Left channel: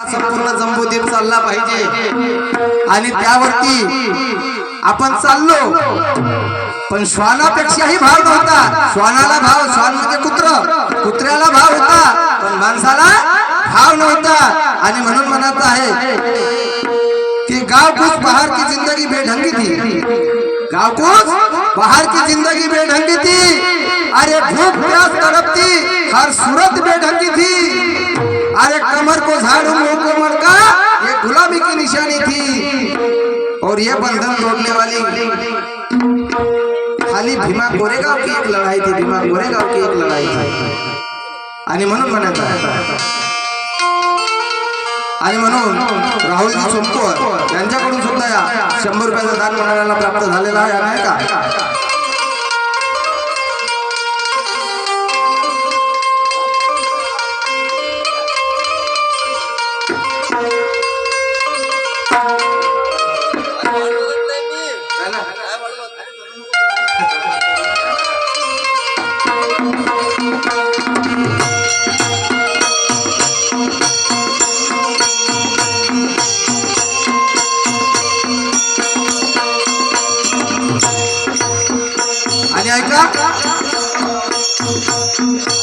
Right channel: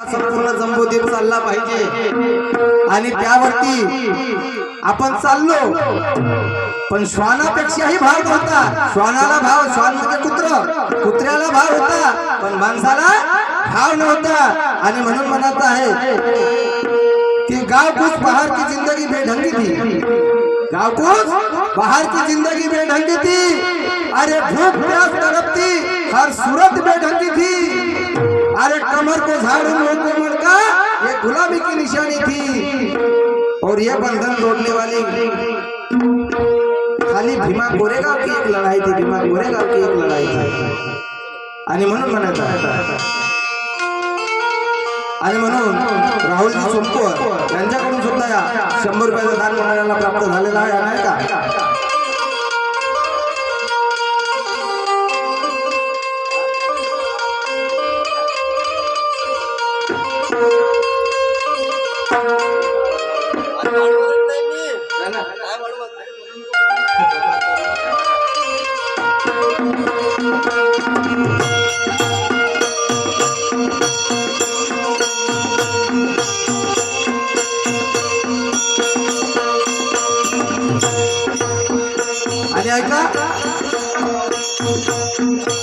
संपूर्ण जंबूद्वीप चालला पाहिजे आणि त्यावरती आपण चाललो, पण श्वानापेक्षाही भाव नव्हता. श्वानाला भाव, श्वान म्हणजे कुत्र, कुत्र्याला भाव होता, पण माणसाला भाव नव्हता. आणि म्हणून म्हणत आहे कि गाँव कुछ बाहर की जिंदगी बेढंगी थी, गाँव कुछ बाहर की जिंदगी बेढंगी थी. अरे भूख प्यास तड़पती हर सूरत बेढंगी थी. अरे कमर को झाड़ू मुंह को मटका ये गुलामी की निशानी थी. और ये बंधन तोड़ने वाली खाली भीमा कोरेगाव की एक लढाई थी, भीमा कोरेगाव की एक लढाई थी. आणि म्हणून म्हणत आहे, आणि म्हणून राहुलजी सोमकर यांच्याकडून सुद्धा या 100 रुपयाचा दान मंडळाला प्राप्त झालेला आहे. नाही का? आणि ऐका,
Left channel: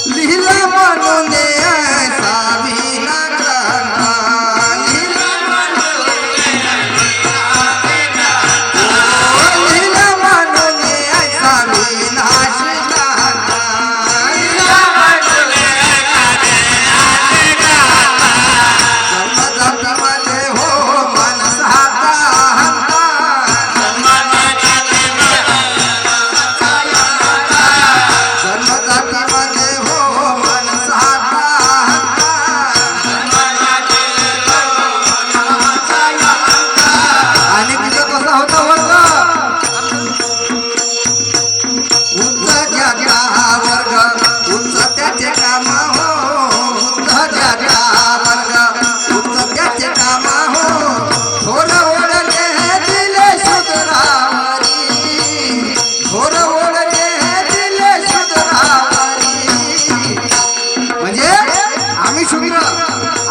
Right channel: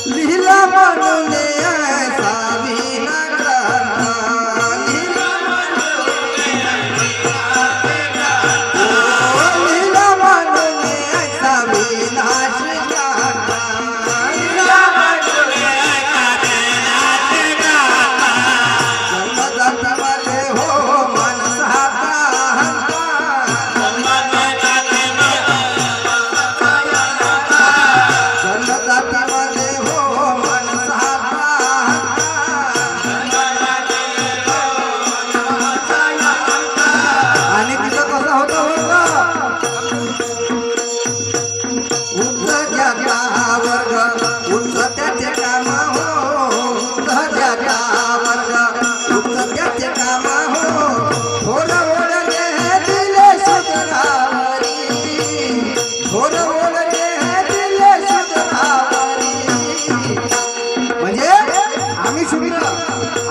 लिहिला म्हणून ऐसा विना ग्रंथा, लिहिला म्हणून ऐसा विनाश ग्रंथा, जन्मजन्मामध्ये हो मानसाचा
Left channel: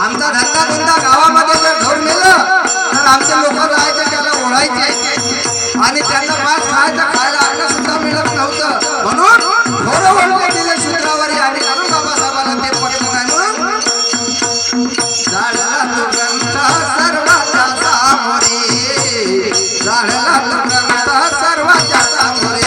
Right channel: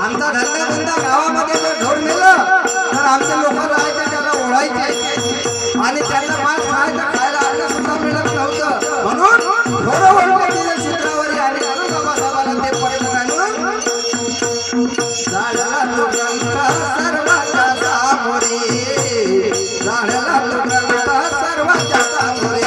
आमचा धंदा धंदा गावामध्ये जर ढोर मेलं तर आमच्या लोक जायचे, त्याला ओढायचे आणि त्यांना मांस खायचं, खायला अन्न सुद्धा मिळत नव्हतं. म्हणून ढोर ओढले गेले सूत्रावरी. आणि म्हणून बाबासाहेबाला ते पटलं नाही, म्हणून जाळला तो ग्रंथ सर्वांच्या सामोरी, जाळला तो ग्रंथ सर्वांच्या सामोरी.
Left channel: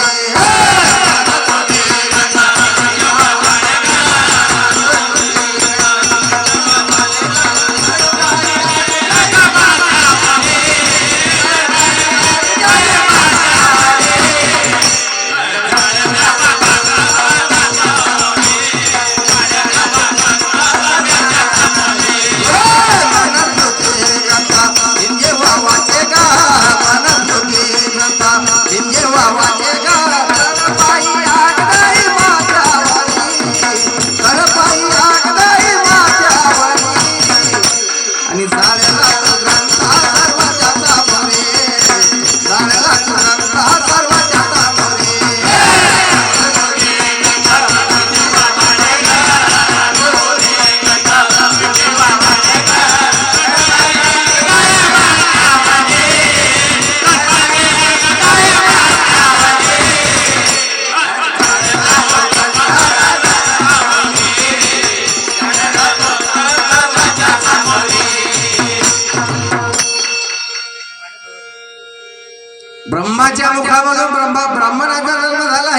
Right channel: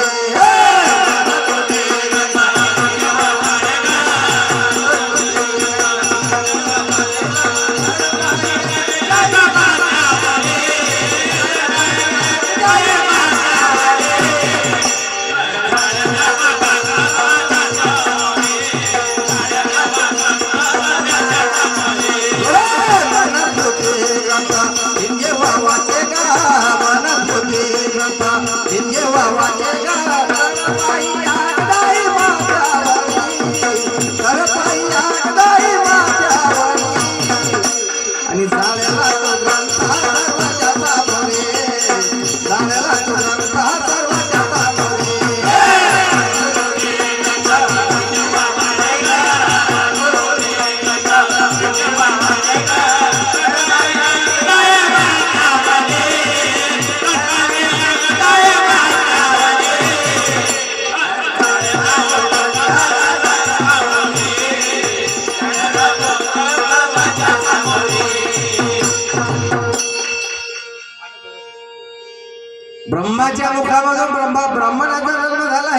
ब्रह्माच्या मुखामधून ब्रह्मणाचा जन्म झाला